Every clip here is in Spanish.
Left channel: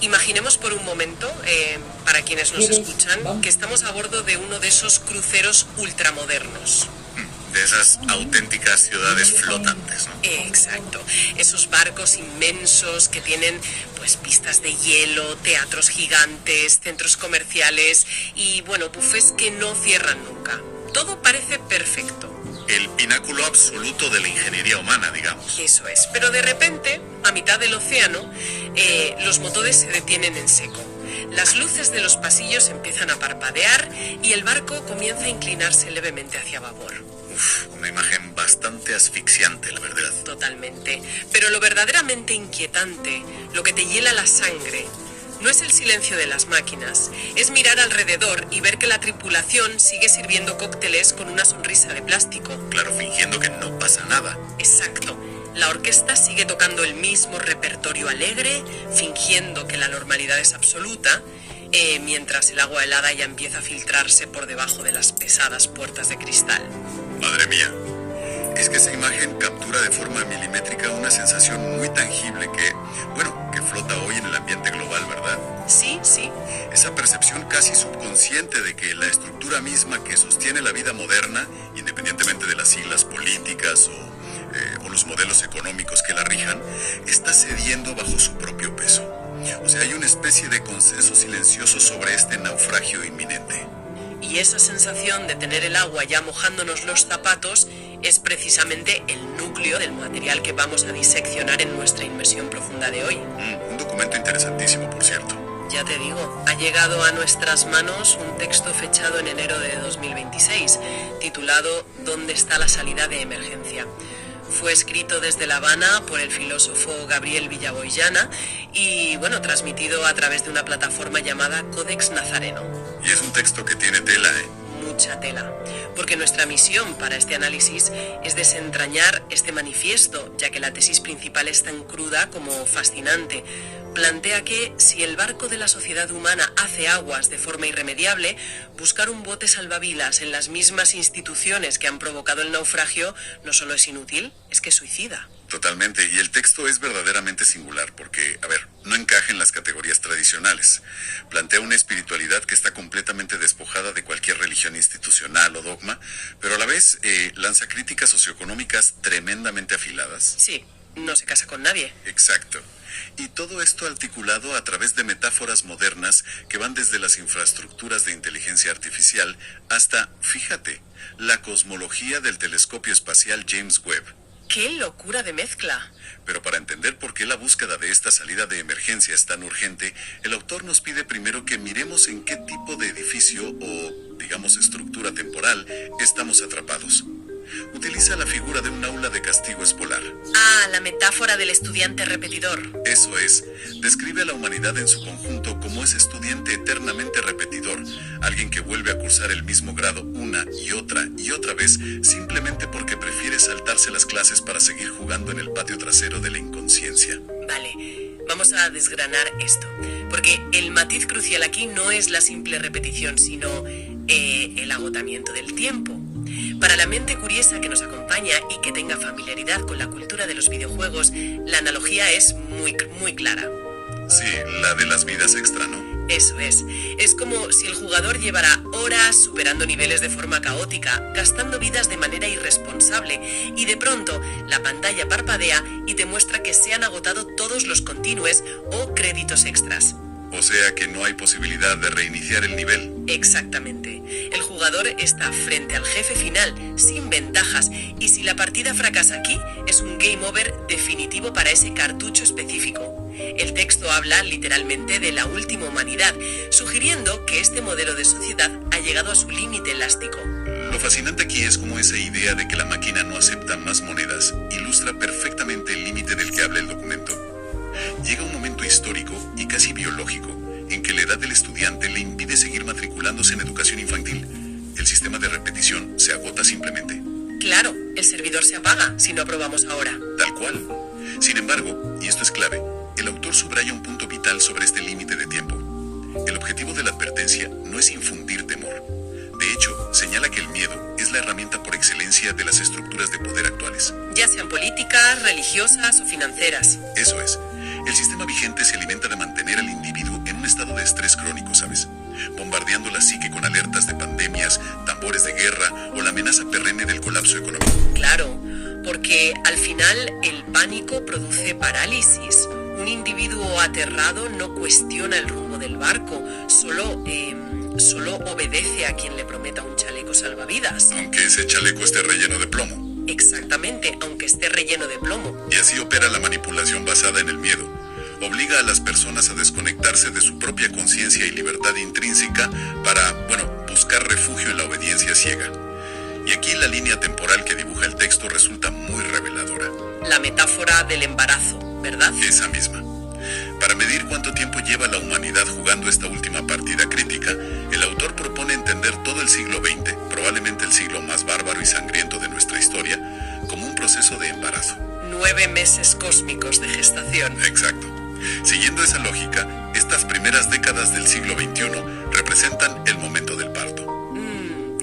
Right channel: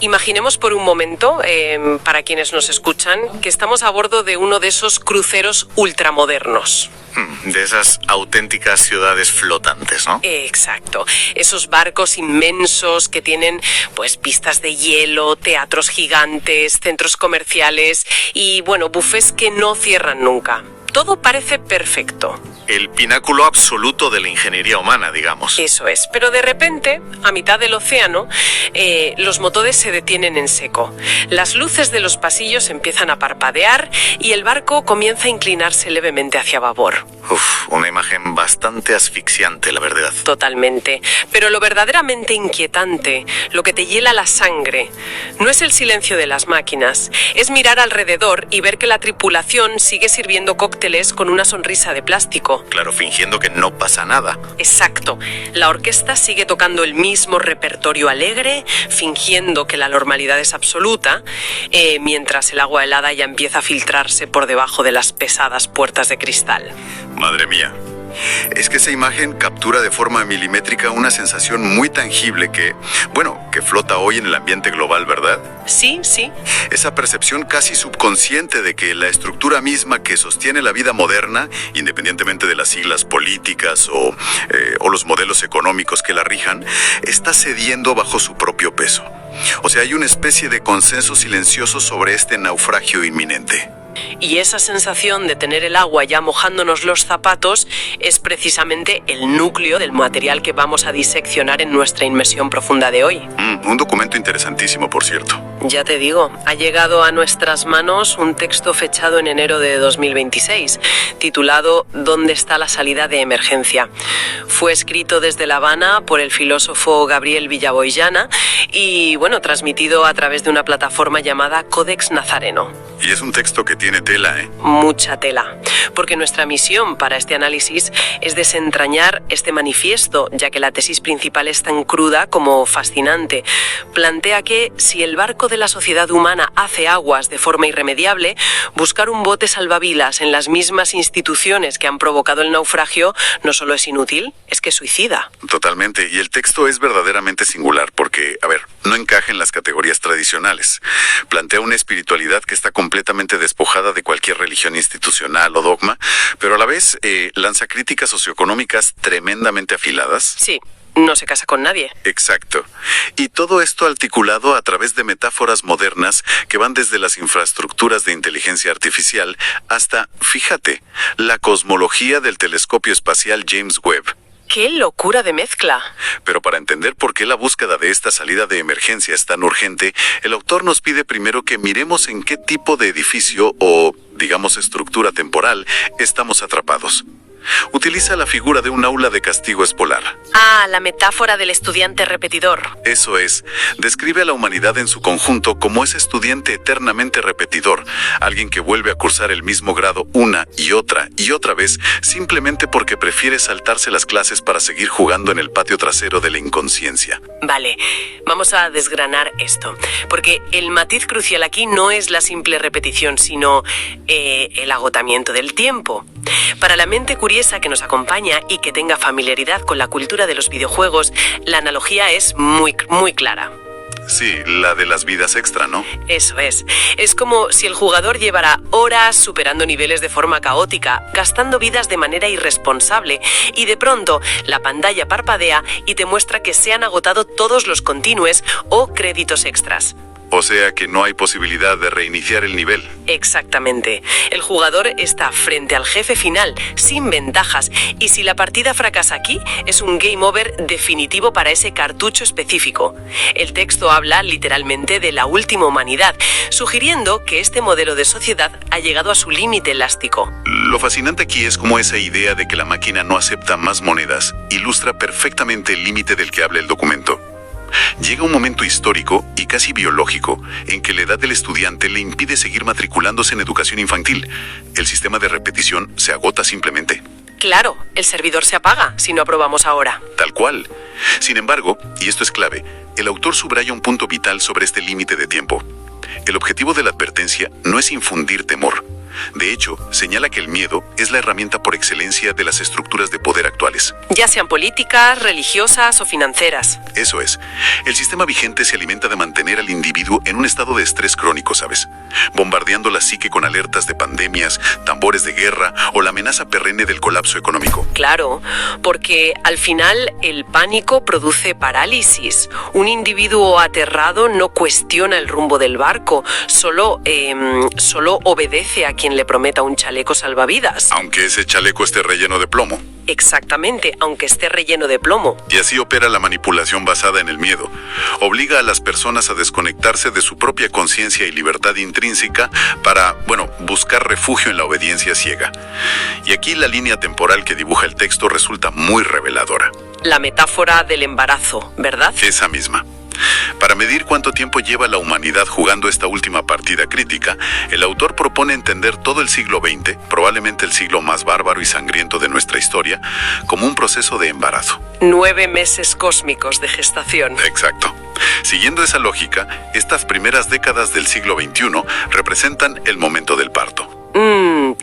Imaginemos por un momento, para quienes nos escuchan, que estamos a bordo de uno de esos cruceros ultramodernos. De esas auténticas ciudades flotantes, ¿no? Exacto. Esos barcos inmensos que tienen, pues, pistas de hielo, teatros gigantes, centros comerciales y, bueno, buffets que no cierran nunca. Todo parece perfecto. El pináculo absoluto de la ingeniería humana, digamos. Eso es, pero de repente, a mitad del océano, los motores se detienen en seco. Las luces de los pasillos empiezan a parpadear y el barco comienza a inclinarse levemente hacia babor. Una imagen bastante asfixiante, la verdad. Totalmente. Pero lo verdaderamente inquietante, lo que te hiela la sangre, no es el silencio de las máquinas, es mirar alrededor y ver que la tripulación sigue sirviendo cócteles con una sonrisa de plástico. Claro, fingiendo que no pasa nada. Exacto. La orquesta sigue tocando el mismo repertorio alegre, fingiendo que la normalidad es absoluta, mientras el agua helada ya empieza a filtrarse por debajo de las pesadas puertas de cristal. Madre mía. Es que esa imagen captura de forma milimétrica una sensación muy tangible que flota hoy en el ambiente global, ¿verdad? Sí, sí. Esa percepción casi subconsciente de que la estructura misma que sostiene la vida moderna, independientemente de las siglas políticas o los modelos económicos que la rijan, está cediendo bajo su propio peso. O sea, hay una especie de consenso silencioso sobre este naufragio inminente. Y esa sensación de tener el agua ya mojándonos los zapatos es precisamente el núcleo del material que vamos a diseccionar en nuestra inmersión profunda de hoy. Un documento interesantísimo, por cierto. Ya te digo, ha llegado a nuestras manos un texto fechado en enero de 2026, titulado ¿Dónde está la salida de emergencia? Fue escrito desde La Habana por el filósofo Gabriel Villaboyana y, bueno, transmitido a través de una plataforma llamada Codex Nazareno. Y es un texto que tiene tela, ¿eh? Mucha tela, porque nuestra misión para este análisis es desentrañar este manifiesto, ya que la tesis principal es tan cruda como fascinante. Plantea que si el barco de la sociedad humana hace aguas de forma irremediable, buscar un bote salvavidas en las mismas instituciones que han provocado el naufragio no solo es inútil, es que suicida. Totalmente, y el texto es verdaderamente singular porque, no encaja en las categorías tradicionales. Plantea una espiritualidad que está completamente despojada de cualquier religión institucional o dogma, pero a la vez lanza críticas socioeconómicas tremendamente afiladas. Sí. No se casa con nadie. Exacto. Y todo esto articulado a través de metáforas modernas que van desde las infraestructuras de inteligencia artificial hasta, fíjate, la cosmología del telescopio espacial James Webb. ¡Qué locura de mezcla! Pero para entender por qué la búsqueda de esta salida de emergencia es tan urgente, el autor nos pide primero que miremos en qué tipo de edificio o, digamos, estructura temporal estamos atrapados. Utiliza la figura de un aula de castigo escolar. La metáfora del estudiante repetidor. Eso es. Describe a la humanidad en su conjunto como ese estudiante eternamente repetidor, alguien que vuelve a cursar el mismo grado una y otra vez, simplemente porque prefiere saltarse las clases para seguir jugando en el patio trasero de la inconsciencia. Vale, vamos a desgranar esto, porque el matiz crucial aquí no es la simple repetición, sino el agotamiento del tiempo. Para la mente curiosa que nos acompaña y que tenga familiaridad con la cultura de los videojuegos, la analogía es muy clara. Sí, la de las vidas extra, ¿no? Eso es. Es como si el jugador llevara horas superando niveles de forma caótica, gastando vidas de manera irresponsable, y de pronto la pantalla parpadea y te muestra que se han agotado todos los continues o créditos extras. O sea que no hay posibilidad de reiniciar el nivel. Exactamente. El jugador está frente al jefe final, sin ventajas, y si la partida fracasa aquí, es un game over definitivo para ese cartucho específico. El texto habla literalmente de la última humanidad, sugiriendo que este modelo de sociedad ha llegado a su límite elástico. Lo fascinante aquí es cómo esa idea de que la máquina no acepta más monedas ilustra perfectamente el límite del que habla el documento. Llega un momento histórico y casi biológico en que la edad del estudiante le impide seguir matriculándose en educación infantil. El sistema de repetición se agota simplemente. Claro, el servidor se apaga si no aprobamos ahora. Tal cual. Sin embargo, y esto es clave, el autor subraya un punto vital sobre este límite de tiempo. El objetivo de la advertencia no es infundir temor, De hecho, señala que el miedo es la herramienta por excelencia de las estructuras de poder actuales. Ya sean políticas, religiosas o financieras. Eso es. El sistema vigente se alimenta de mantener al individuo en un estado de estrés crónico, ¿sabes? Bombardeando la psique con alertas de pandemias, tambores de guerra o la amenaza perenne del colapso económico. Claro, porque al final el pánico produce parálisis. Un individuo aterrado no cuestiona el rumbo del barco, solo obedece a quien le prometa un chaleco salvavidas. Aunque ese chaleco esté relleno de plomo. Exactamente, aunque esté relleno de plomo. Y así opera la manipulación basada en el miedo. Obliga a las personas a desconectarse de su propia conciencia y libertad intrínseca para, buscar refugio en la obediencia ciega. Y aquí la línea temporal que dibuja el texto resulta muy reveladora. La metáfora del embarazo, ¿verdad? Esa misma. Para medir cuánto tiempo lleva la humanidad jugando esta última partida crítica, el autor propone entender todo el siglo XX, probablemente el siglo más bárbaro y sangriento de nuestra historia, como un proceso de embarazo. 9 meses cósmicos de gestación. Exacto. Siguiendo esa lógica, estas primeras décadas del siglo XXI representan el momento del parto.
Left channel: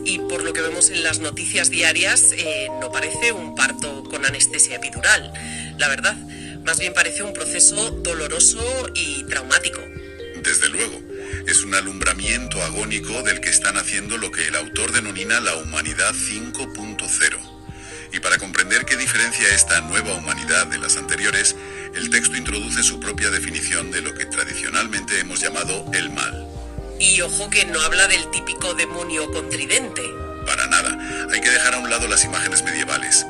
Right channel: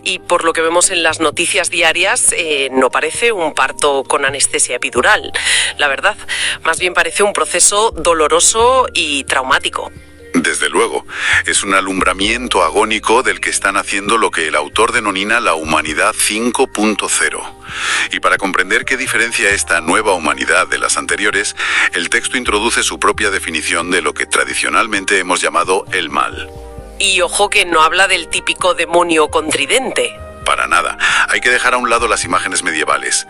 Y por lo que vemos en las noticias diarias, no parece un parto con anestesia epidural. La verdad, más bien parece un proceso doloroso y traumático. Desde luego, es un alumbramiento agónico del que están haciendo lo que el autor denomina la humanidad 5.0. Y para comprender qué diferencia esta nueva humanidad de las anteriores, el texto introduce su propia definición de lo que tradicionalmente hemos llamado el mal. Y ojo que no habla del típico demonio con tridente. Para nada. Hay que dejar a un lado las imágenes medievales.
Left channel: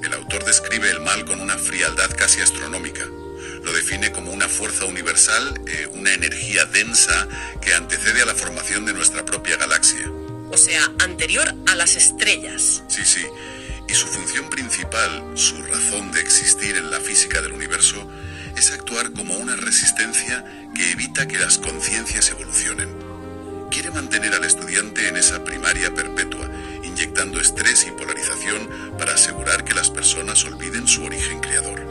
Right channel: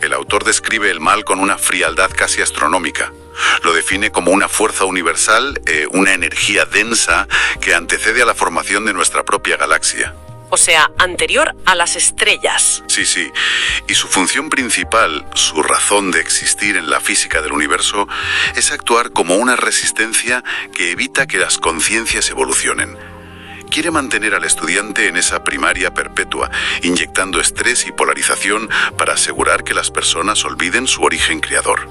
El autor describe el mal con una frialdad casi astronómica. Lo define como una fuerza universal, una energía densa que antecede a la formación de nuestra propia galaxia. O sea, anterior a las estrellas. Sí. Y su función principal, su razón de existir en la física del universo, es actuar como una resistencia que evita que las conciencias evolucionen. Quiere mantener al estudiante en esa primaria perpetua, inyectando estrés y polarización para asegurar que las personas olviden su origen creador.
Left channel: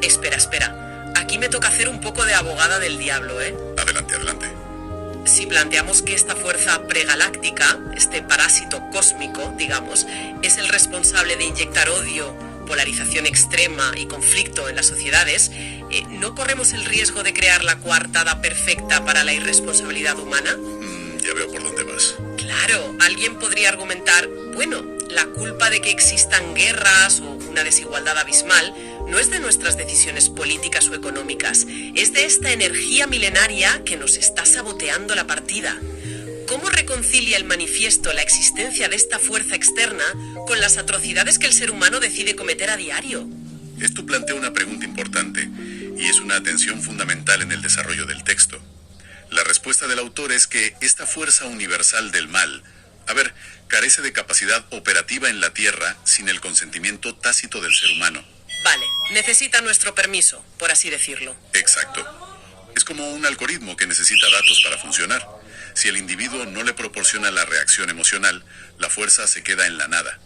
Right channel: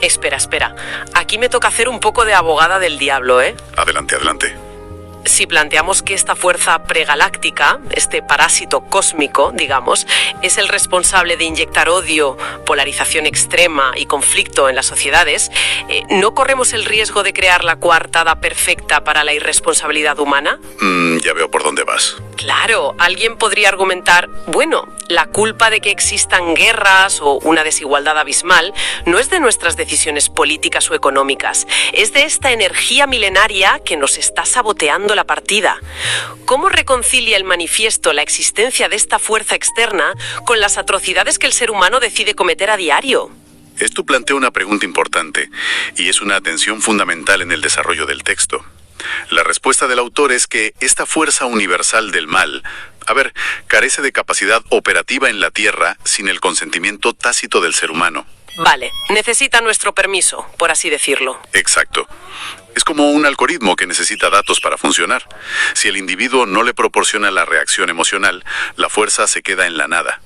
Espera. Aquí me toca hacer un poco de abogada del diablo, ¿eh? Adelante. Si planteamos que esta fuerza pregaláctica, este parásito cósmico, digamos, es el responsable de inyectar odio, polarización extrema y conflicto en las sociedades, ¿no corremos el riesgo de crear la coartada perfecta para la irresponsabilidad humana? Ya veo por dónde vas. Claro, alguien podría argumentar, la culpa de que existan guerras o una desigualdad abismal no es de nuestras decisiones políticas o económicas, es de esta energía milenaria que nos está saboteando la partida. ¿Cómo reconcilia el manifiesto la existencia de esta fuerza externa con las atrocidades que el ser humano decide cometer a diario? Esto plantea una pregunta importante y es una tensión fundamental en el desarrollo del texto. La respuesta del autor es que esta fuerza universal del mal, carece de capacidad operativa en la Tierra sin el consentimiento tácito del ser humano. Vale, necesita nuestro permiso, por así decirlo. Exacto. Es como un algoritmo que necesita datos para funcionar. Si el individuo no le proporciona la reacción emocional, la fuerza se queda en la nada.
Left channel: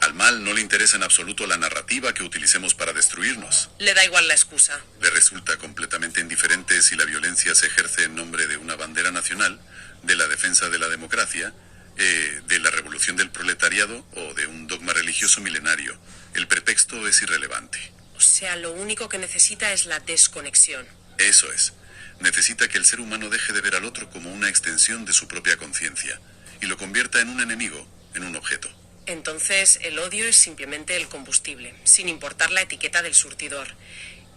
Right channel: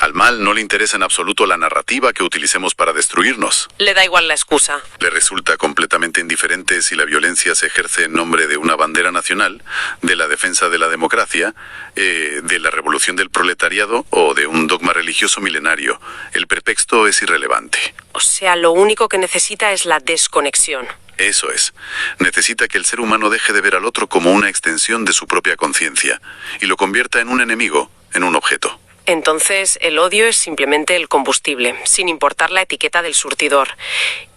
Al mal no le interesa en absoluto la narrativa que utilicemos para destruirnos. Le da igual la excusa. Le resulta completamente indiferente si la violencia se ejerce en nombre de una bandera nacional, de la defensa de la democracia, de la revolución del proletariado o de un dogma religioso milenario. El pretexto es irrelevante. O sea, lo único que necesita es la desconexión. Eso es. Necesita que el ser humano deje de ver al otro como una extensión de su propia conciencia y lo convierta en un enemigo, en un objeto. Entonces, el odio es simplemente el combustible, sin importar la etiqueta del surtidor.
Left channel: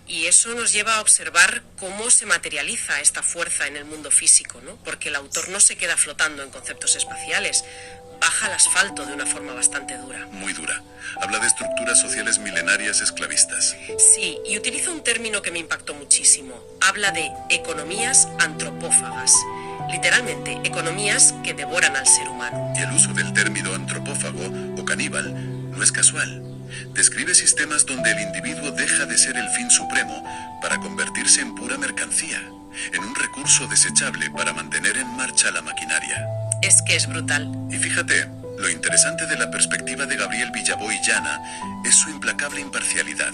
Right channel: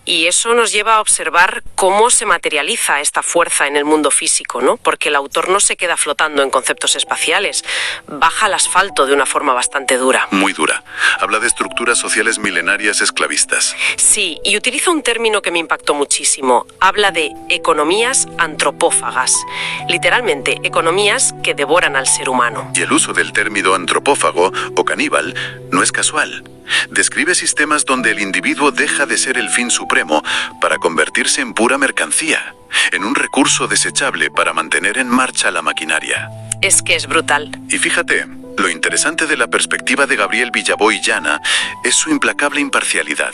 Y eso nos lleva a observar cómo se materializa esta fuerza en el mundo físico, ¿no? Porque el autor no se queda flotando en conceptos espaciales, baja al asfalto de una forma bastante dura. Muy dura. Habla de estructuras sociales milenarias esclavistas. Sí, y utiliza un término que me impactó muchísimo. Habla de economías antropófagas. Literalmente, economías que devoran al ser humano. Y el uso del término antropófago o caníbal no es casual. Describe sistemas donde el individuo deja de ser el fin supremo para convertirse en pura mercancía, en un recurso desechable para mantener en marcha la maquinaria. Es que es brutal. Y fíjate, lo interesante de la perspectiva de Gabriel Villaboy Llana es su implacable imparcialidad.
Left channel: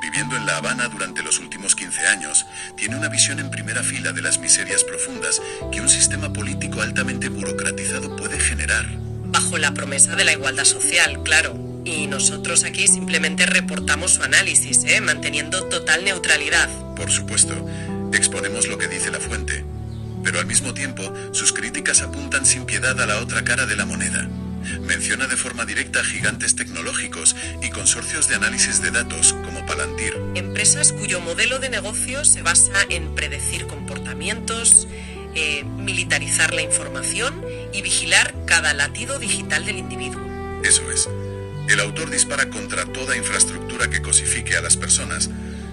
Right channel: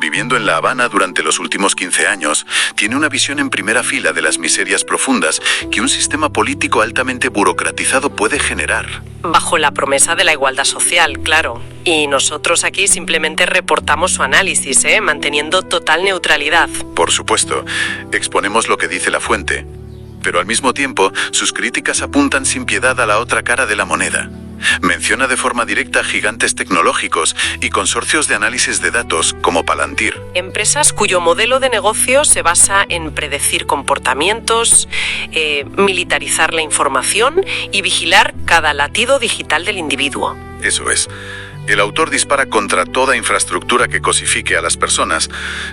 Viviendo en La Habana durante los últimos 15 años, tiene una visión en primera fila de las miserias profundas que un sistema político altamente burocratizado puede generar. Bajo la promesa de la igualdad social, claro. Y nosotros aquí simplemente reportamos su análisis, manteniendo total neutralidad. Por supuesto, exponemos lo que dice la fuente, pero al mismo tiempo sus críticas apuntan sin piedad a la otra cara de la moneda. Menciona de forma directa gigantes tecnológicos y consorcios de análisis de datos como Palantir. Empresas cuyo modelo de negocio se basa en predecir comportamientos, militarizar la información y vigilar cada latido digital del individuo. Eso es. El autor dispara contra toda infraestructura que cosifique a las personas,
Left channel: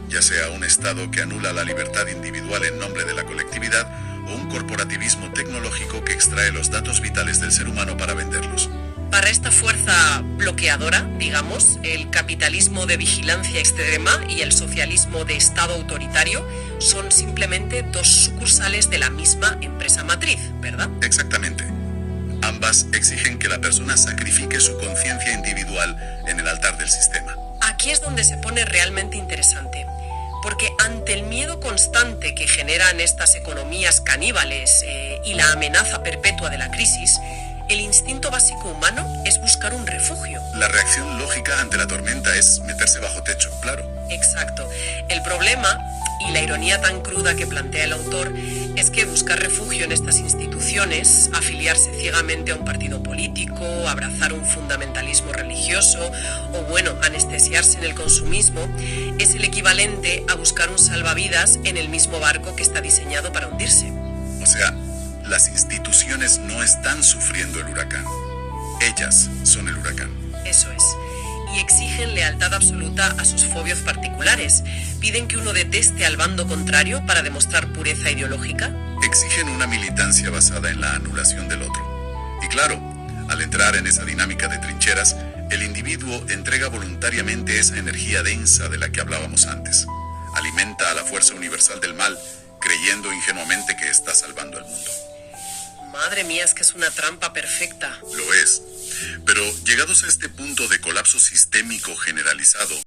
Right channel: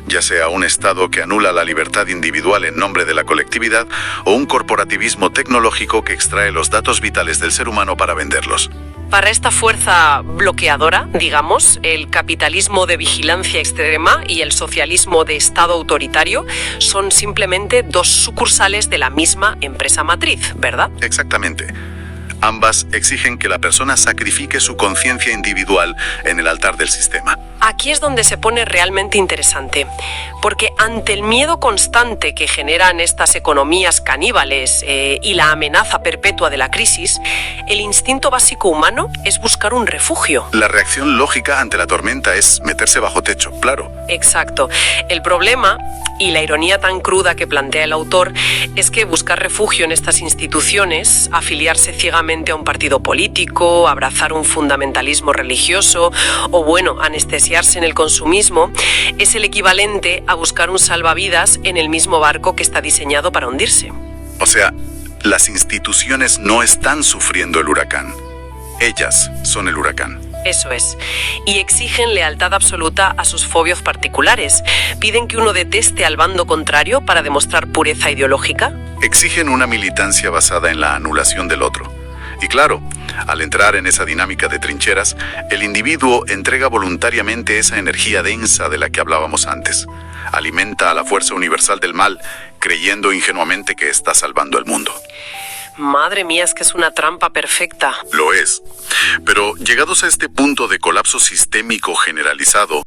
ya sea un Estado que anula la libertad individual en nombre de la colectividad o un corporativismo tecnológico que extrae los datos vitales del ser humano para venderlos. Para esta fuerza bloqueadora, digamos, el capitalismo de vigilancia extrema y el socialismo de Estado autoritario son simplemente dos sucursales de la misma empresa matriz, ¿verdad? Exactamente. Ambas exigen que la persona sacrifique su conciencia individual en el altar del sistema. Aquí es donde se pone realmente interesante, porque ante el miedo constante que generan estas economías caníbales y la amenaza perpetua de la crisis, el instinto básico humano es buscar un refugio. La reacción lógica ante la tormenta es meterse bajo techo, claro. Exacto. El problema, y la ironía tan cruda que plantea el autor, es que buscar refugio en estas instituciones, afiliarse ciegamente a un partido político, abrazar un fundamentalismo religioso o, bueno, anestesiarse en el consumismo, es el equivalente a buscar un salvavidas en el mismo barco que está diseñado para hundirse. O sea, las instituciones no están sufriendo el huracán. Ellas son el huracán. Eso es. Y exigen lealtad absoluta a sus fobios particulares. Piden que uno deteste al bando contrario para demostrar pureza ideológica. Exigen una militancia basada en la anulación del otro. Y claro, al entrar en esa dinámica de trincheras, el individuo entrega voluntariamente esa energía densa de la que hablábamos antes. Alimenta a la fuerza universal del mal, creyendo ingenuamente que está salvando el mundo. Madre mía, es que es una trampa perfecta. Lo es. Pero llegados a este punto de colapso sistémico generalizado,